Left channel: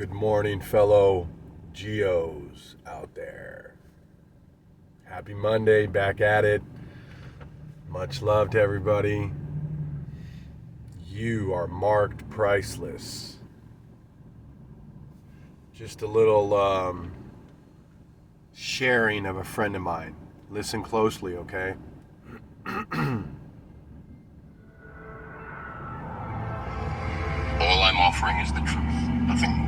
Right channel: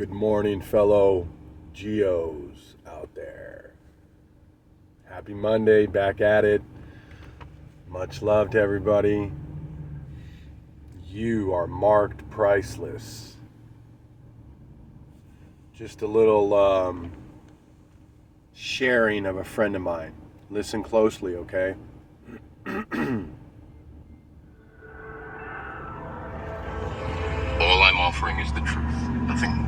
Good morning, fellow GEOs out there. Happy Monday, back at it. Much love to everybody. You are marked priceless. Just a little sharing of a friend of mine. Listen closely, okay? All I'm offering is the truth, nothing more.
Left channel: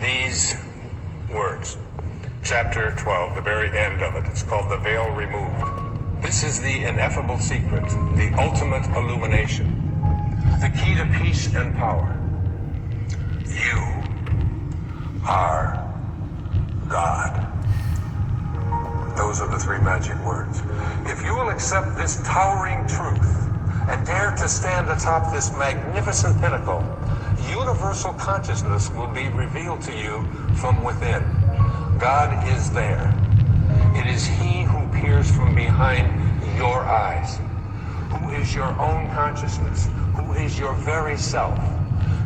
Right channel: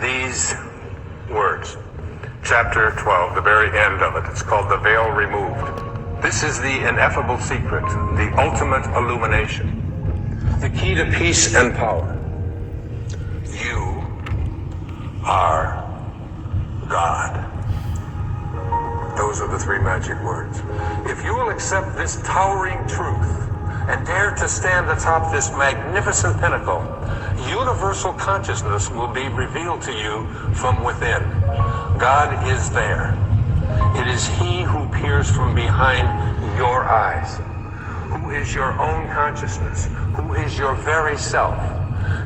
These words, chapter 12, the very end of it, it's called The Veil Removed. This is the ineffable secret, the ultimate illumination, the key to peace and power. You are God. Those are the three magic words. If you will accept this towering truth and dare to stand atop this magnificent pinnacle, universal consciousness will be revealed to you from within. God is there. It is He who peers from behind your eyes, who is your own consciousness, who is your very self.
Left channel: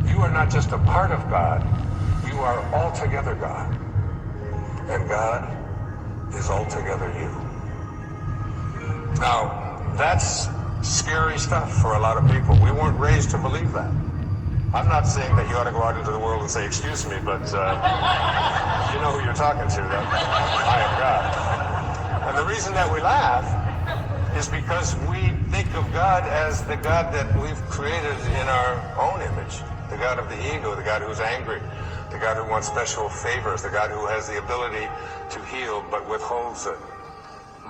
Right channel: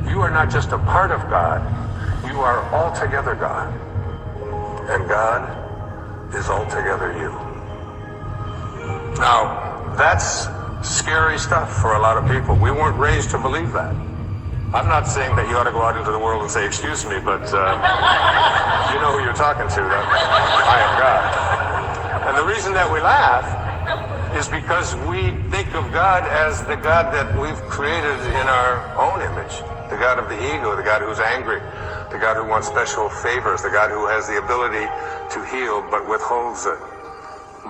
You are not just a part of God, you are altogether God. And God is altogether you. Now, that's scary stuff for a lot of people. We weren't raised to believe that. I'm not saying that you ought to go out into the world and say, excuse me, but you know who you're talking to, that I am God. And the reason that we laugh is because we think of God as the God that we've created in our own image, the God of the ego, the God who's angry, the God who wants special favors, the God who has the ability to heal but withholds it.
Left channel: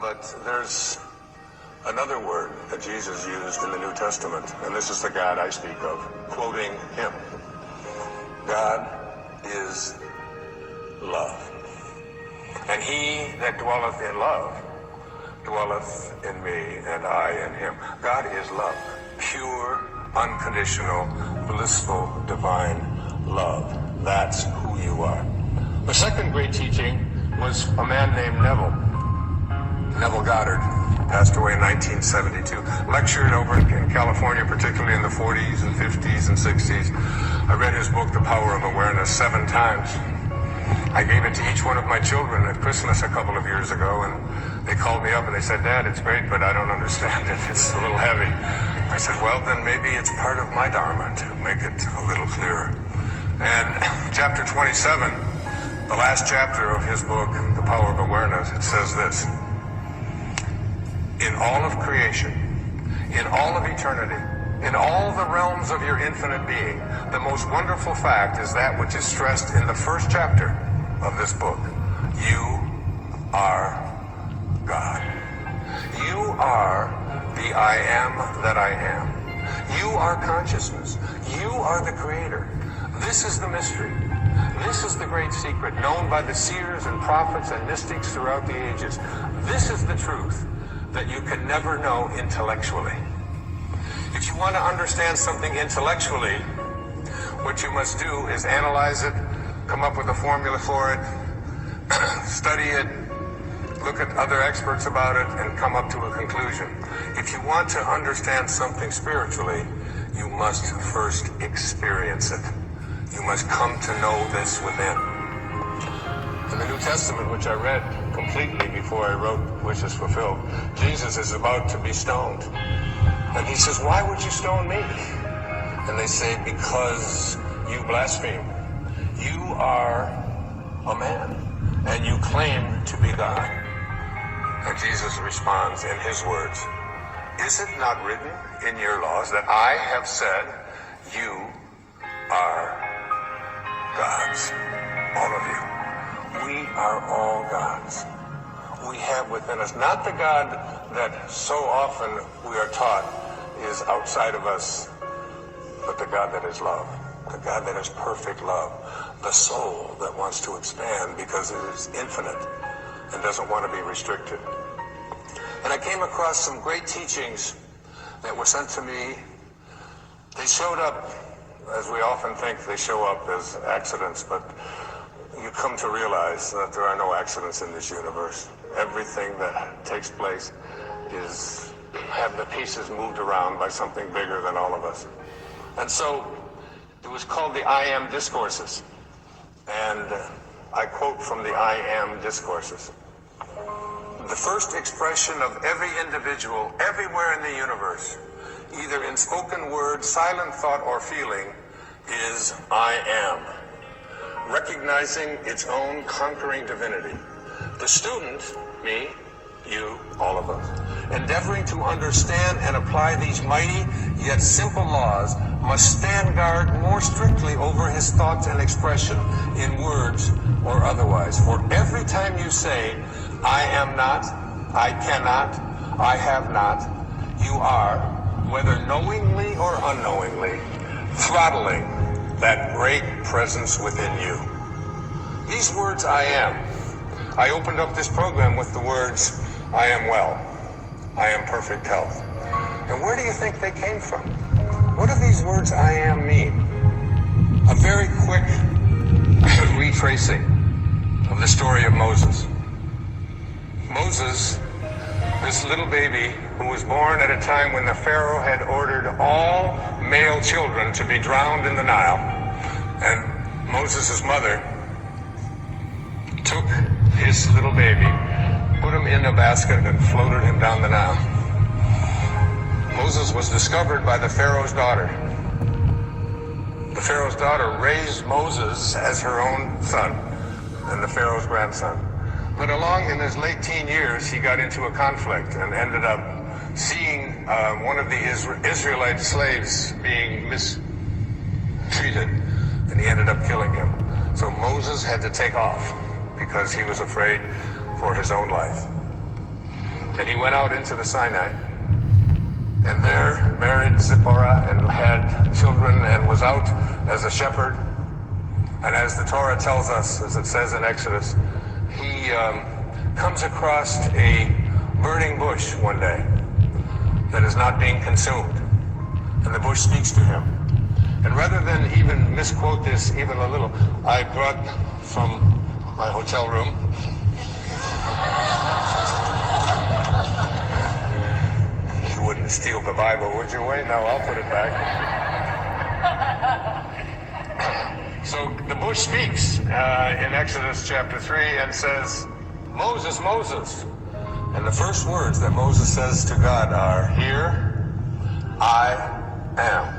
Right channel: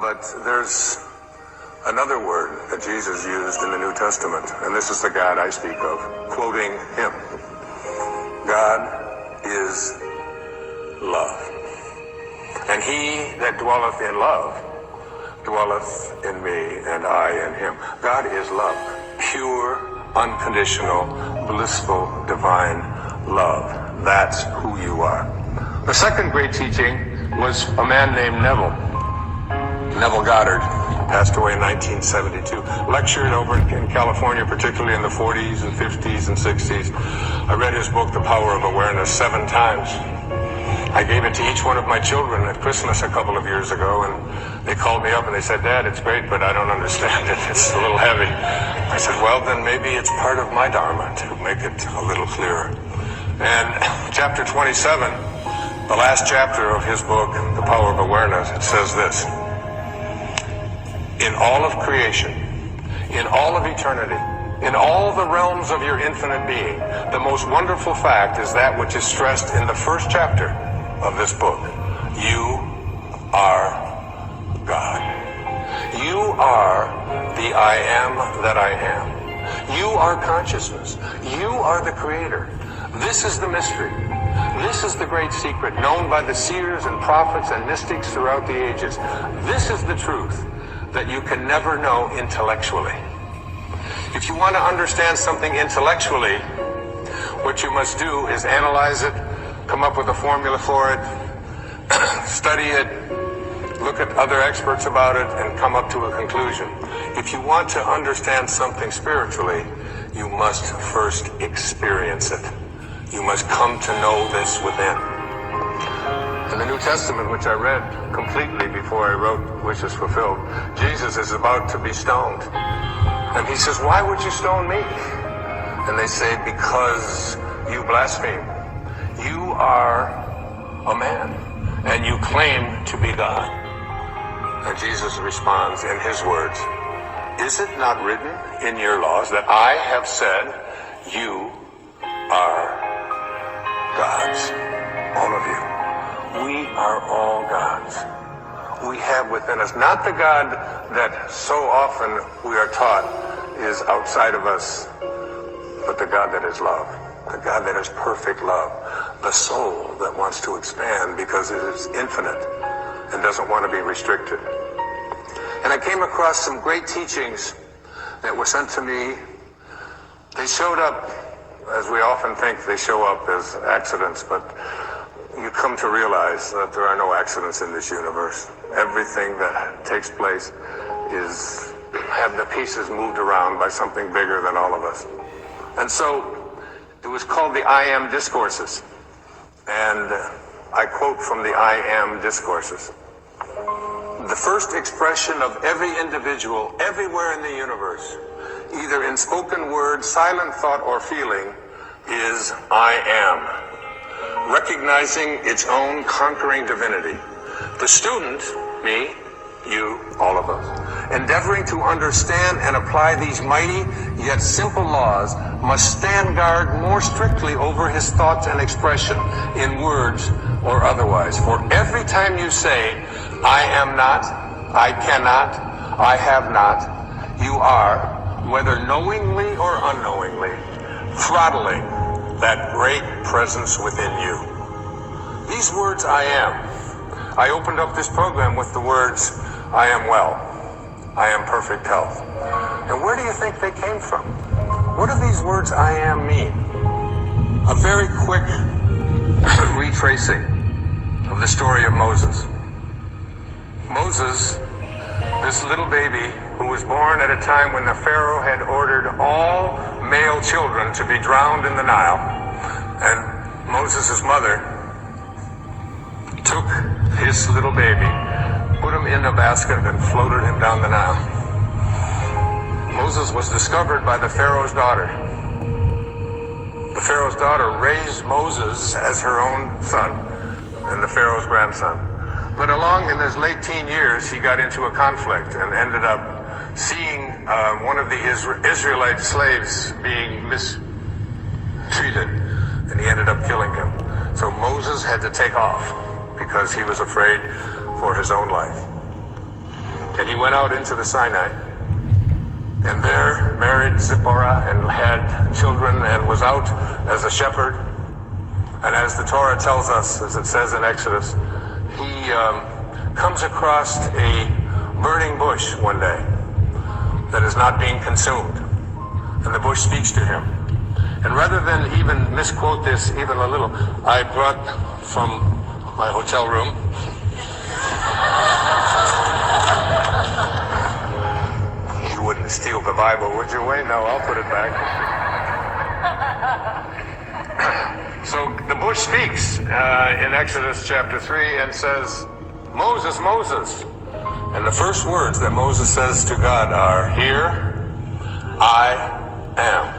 But there's another word that Jesus used in the New Testament, and this is the God I speak of, quoting him. God is love. And he that dwelleth in love dwelleth in me, and I in him. God is love. Pure, unconditional, blissful, divine love. That's who you are. The second great teaching was a man named Neville Goddard. Passed away in 1972. Lectured over in California, particularly in the 40s and 50s and 60s. I read his book, The Power of Awareness, 7 times. I gave it to each one of my children at Christmas a couple of years ago, and they called me up and they said, Dad, it's great, but I don't understand it. It's a little heavy. I said, well, then maybe it's part of my Dharma to make it a little clearer. And chapter 27, the last chapter of his book, The Power of Awareness, it says this: in all of creation, in all of eternity, in all the realms of your infinite being, the most wonderful fact is that which is stressed in the first chapter of this book. You are God. You are the I am that I am. You are consciousness. You are the creator. This is the mystery. This is the great secret known by the seers and prophets and mystics throughout the ages. This is the truth that you can never know intellectually. If you want to understand something intellectually, what you must do is analyze it, come up with a formula for it, study it, look at other experts about it, and come up to a conclusion. If you want to understand something spiritually, you must first experience it. You must come to know this within. In the New Testament, which I read completely before I wrote Wishes Fulfilled, Jesus is about to be stoned. And he says, why would you stone me? And they say, because you blaspheme. You are a man, and you claim to be God. And Jesus responds in his words, is it not written in your laws that I have said you are gods? All of you. We are all gods. We have within us, not the God that so often we are taught is outside of us, but the God that is love, the God that is perfect love, the soul that wants to expand because it is infinite and doesn't want to be restricted. And I came across some great teachings that were sent to me. They showed up, as we often think they show up as accidents, but you come to realize that there are no accidents in this universe. Everything that takes place have the pieces moved around by something bigger than all of us. And so it was called the I Am Discourses. And I quote from the I Am Discourses. The first expression of every individual everywhere in the universe, either in spoken word, silent thought, or feeling, is I am, recognizing its own conquering divinity. The student, me, you, all of us, endeavoring to understand and apply these mighty yet simple laws, must stand guard more strictly over his thoughts and expression in words or otherwise. For every time you say, I am not, I cannot, I have not, you are, whether knowingly or unknowingly, throttling that great presence within you. These words, I am. I opened up this program with the words, I am well, I am perfect health. And where do you think they came from? What do these words, I am, mean? A very quick retracing of the story of Moses. Moses, this little baby who was born at a time when the Pharaoh had ordered all male children to be drowned in the Nile, and Moses' mother took his little baby, put him in a basket, and floated him down the Nile. Moses was discovered by the Pharaoh's daughter. The Pharaoh's daughter raised Moses as her own son and the Pharaoh's grandson. But along in his late teen years, he got into a conflict and ended up seeing one of the Israelite slaves being mistreated, and he ended up killing him. So Moses had to take off because he was afraid for his own life. And he went out into the Sinai, and there married Zipporah and had children and was out as a shepherd. And as the Torah tells us, as it says in Exodus, he comes across a burning bush one day that is not being consumed. And the bush speaks to him. And rather than even misquote this even a little, I brought from my hotel room you wouldn't steal the Bible, would you, Wayne? No, I'll put it back. So the bush speaks in Exodus chapter 3 and says, Moses, Moses. And the first words that Moses says to God are, here I am.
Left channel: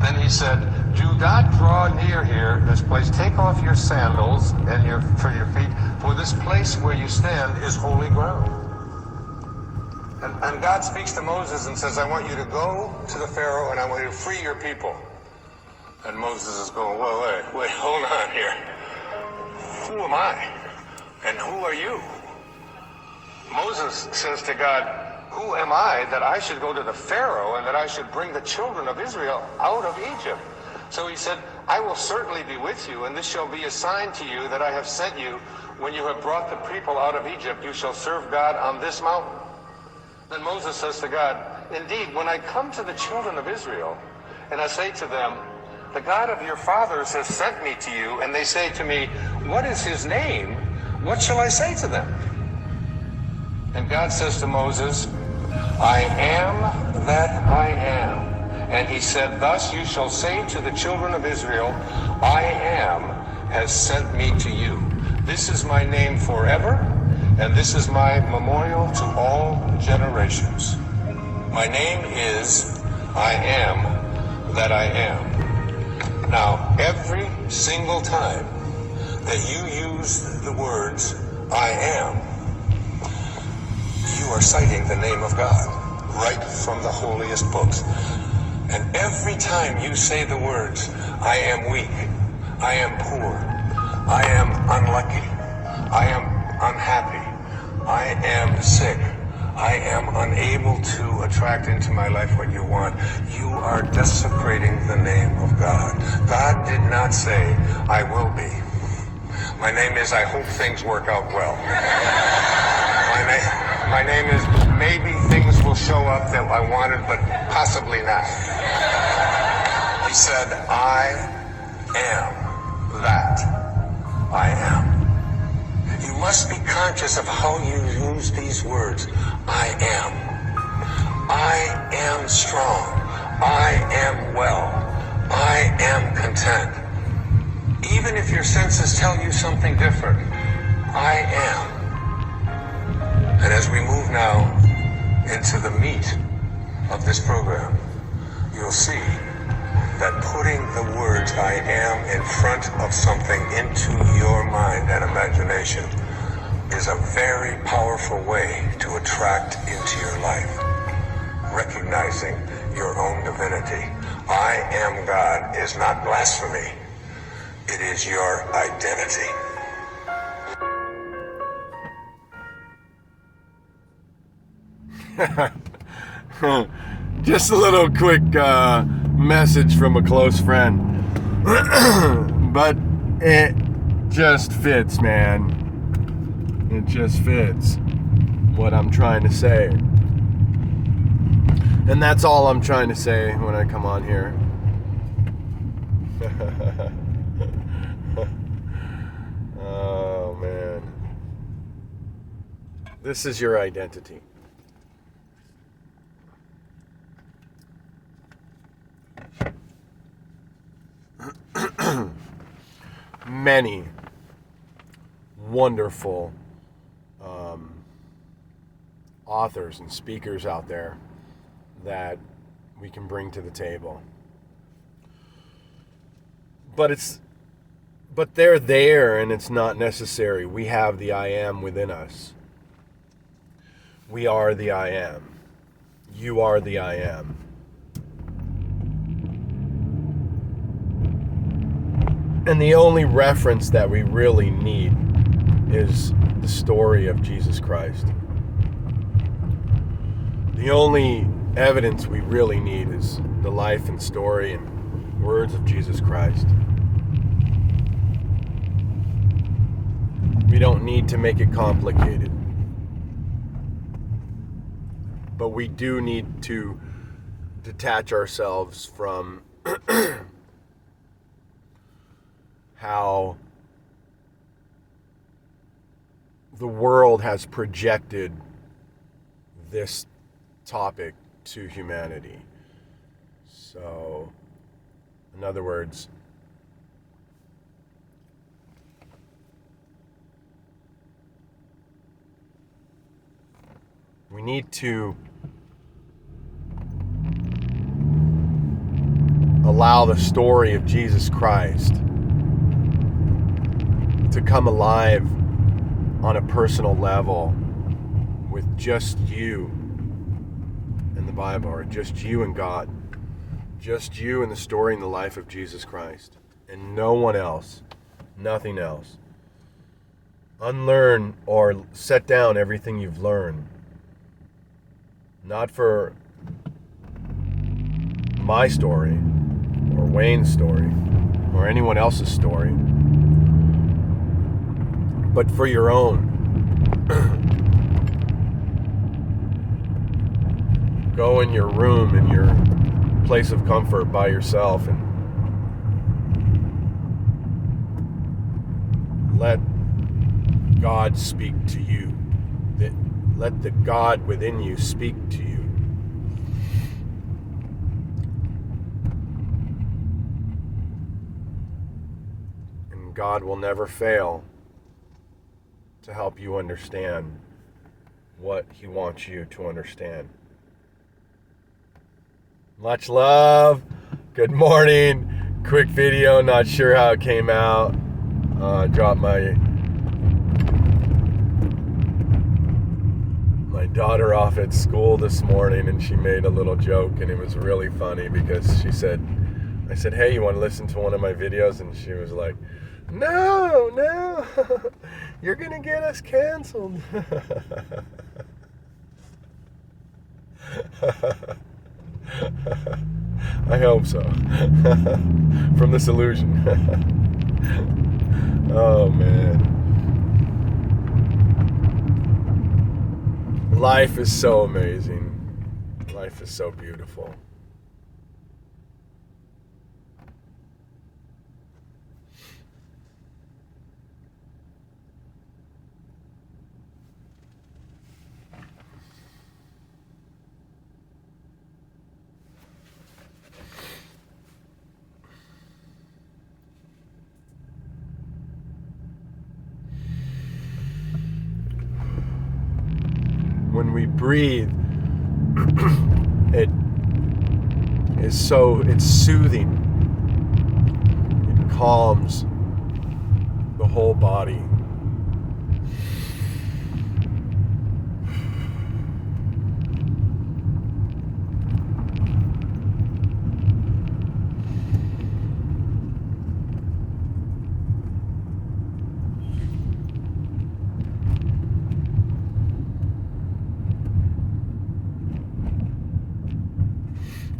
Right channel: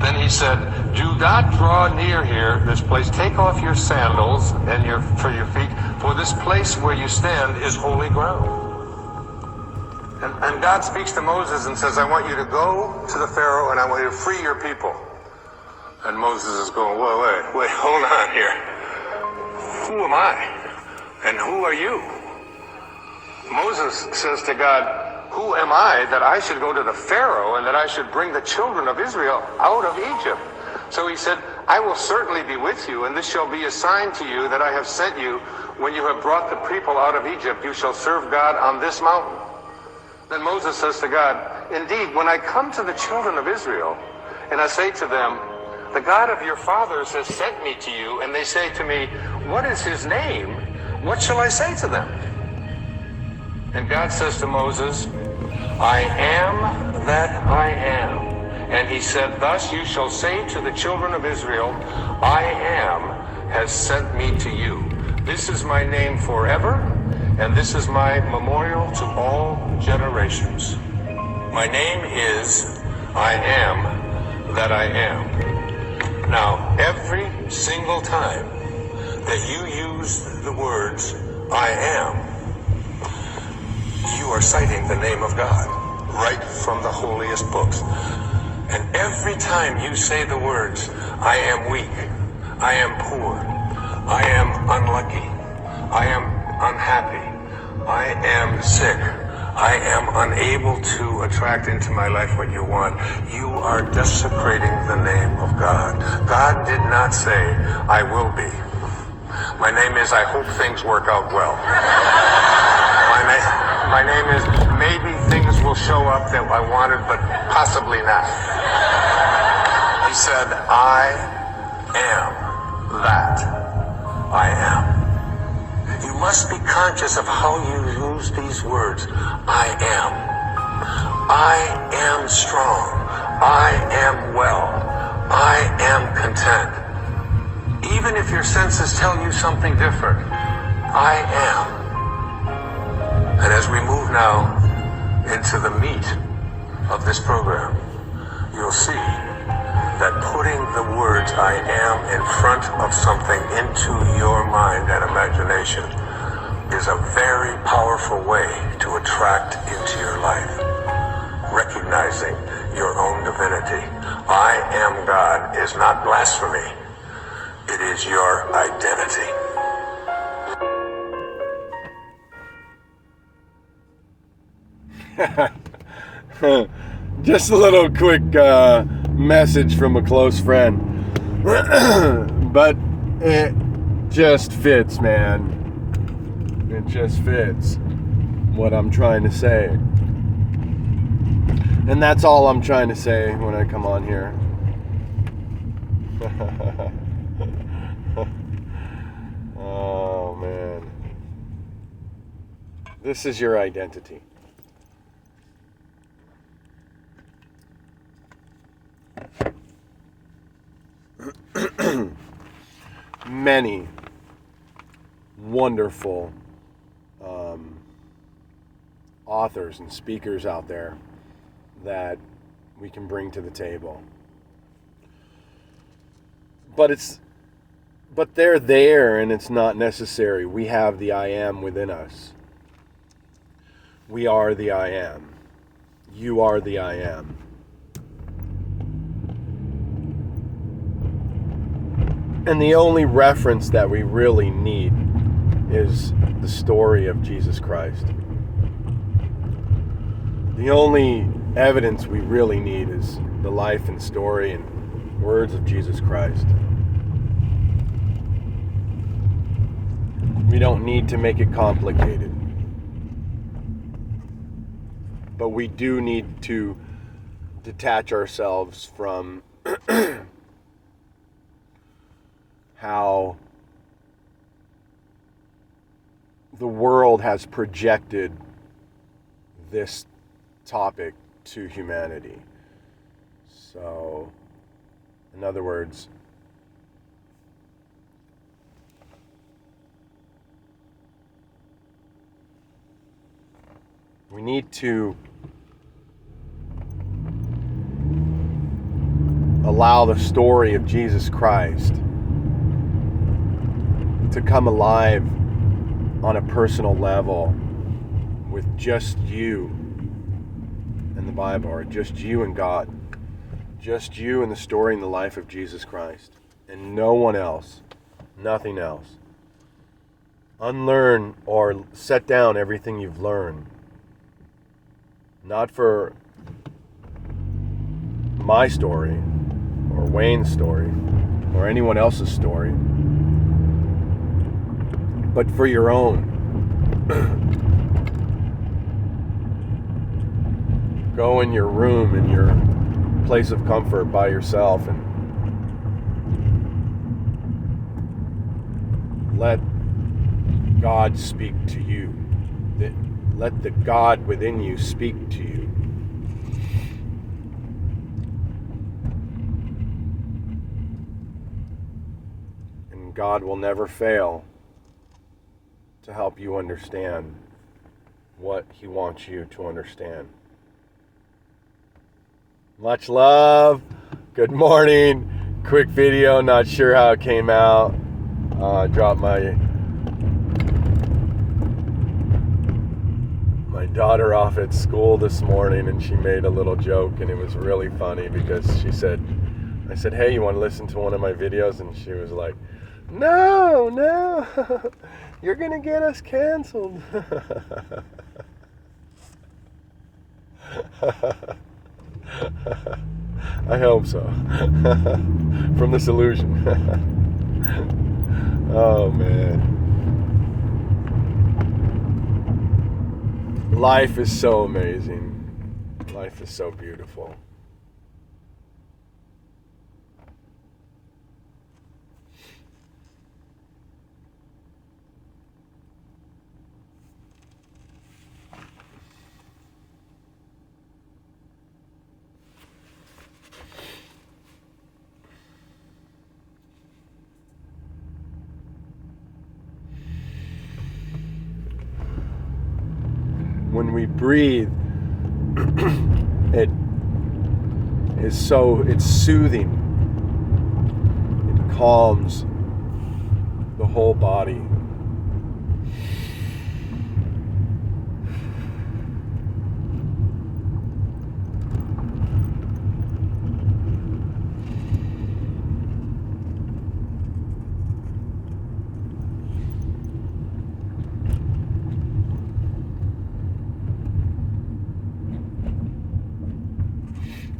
Then he said, do not draw near here, this place. Take off your sandals and for your feet, for this place where you stand is holy ground. And God speaks to Moses and says, I want you to go to the Pharaoh and I want you to free your people. And Moses is going, wait, hold on here. Who am I? And who are you? Moses says to God, who am I that I should go to the Pharaoh and that I should bring the children of Israel out of Egypt? So he said, I will certainly be with you, and this shall be a sign to you that I have sent you. When you have brought the people out of Egypt, you shall serve God on this mountain. Then Moses says to God, indeed, when I come to the children of Israel, and I say to them, the God of your fathers has sent me to you, and they say to me, what is his name? What shall I say to them? And God says to Moses, I am that I am. And he said, thus you shall say to the children of Israel, I am has sent me to you. This is my name forever, and this is my memorial to all generations. My name is I am that I am. Now, every single time that you use the words I am, you are citing the name of God right from the holiest books. And every time you say the words, I am weak, I am poor, I am unlucky, I am unhappy, I am sick, I am unable to attract into my life what you want, you are desecrating the name of God. God did not say, I will be. My name is, I hope things work out well. My name is, maybe things will show up that I wanted, but possibly not. He said, I am that. I am. You must be conscious of how you use these words. I am. I am strong. I am well. I am content. Even if your senses tell you something different, I am. And as we move now into the meat of this program, you'll see that putting the words I am in front of something into your mind and imagination is a very powerful way to attract into your life. Recognizing your own divinity. I am God is not blasphemy. It is your identity. Just a little quick message from a close friend. But it just fits, man. It just fits what I'm trying to say. And that's all I'm trying to say when I come on here. Oh, man. This is your identity. Many wonderful authors and speakers out there that we can bring to the table. But they're there, and it's not necessary. We have the I am within us. We are the I am. You are the I am. And the only reference that we really need is the story of Jesus Christ. The only evidence we really need is the life and story and words of Jesus Christ. We don't need to make it complicated. But we do need to detach ourselves from how the world has projected this topic to humanity. So, in other words, we need to allow the story of Jesus Christ to come alive on a personal level with just you and the Bible, or just you and God. Just you and the story and the life of Jesus Christ. And no one else. Nothing else. Unlearn or set down everything you've learned. Not for my story, or Wayne's story, or anyone else's story, but for your own. Go in your room, in your place of comfort by yourself, and let God speak to you. Let the God within you speak to you. And God will never fail to help you understand what He wants you to understand. Much love. Good morning. Quick video. Not sure how it came out. Dropped my daughter off at school this morning, and she made a little joke, and it was really funny because I said, hey, you want to listen to one of my videos? And she was like, no, you're going to get us canceled. I hope so. From this illusion. Oh, man. Life is so amazing. Life is so beautiful. when we breathe, it's soothing. It calms the whole body.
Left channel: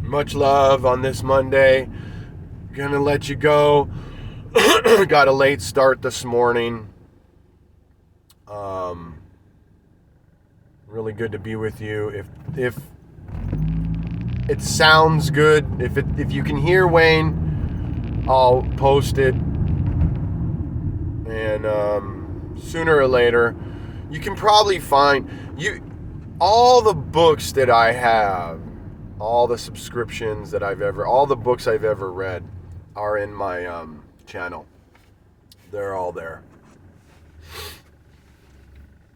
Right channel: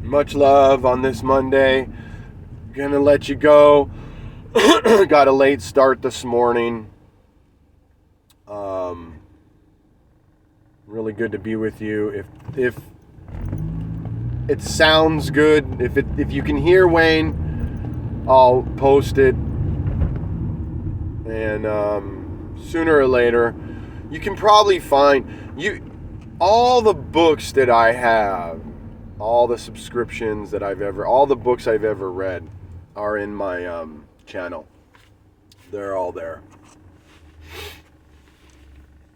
Much love on this Monday. Gonna let you go. Got a late start this morning. Really good to be with you. If it sounds good, if you can hear Wayne, I'll post it. And sooner or later, you can probably find all the books that I have. All the subscriptions that all the books I've ever read are in my channel. They're all there.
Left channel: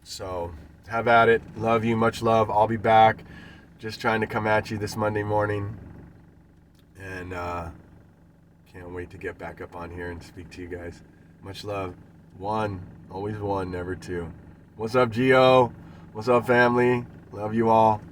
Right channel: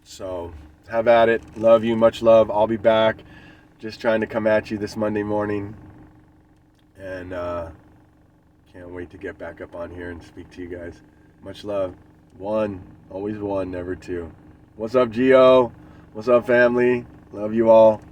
So have at it. Love you. Much love. I'll be back. Just trying to come at you this Monday morning. And can't wait to get back up on here and speak to you guys. Much love. One. Always one, never two. What's up, GEO? What's up, family? Love you all.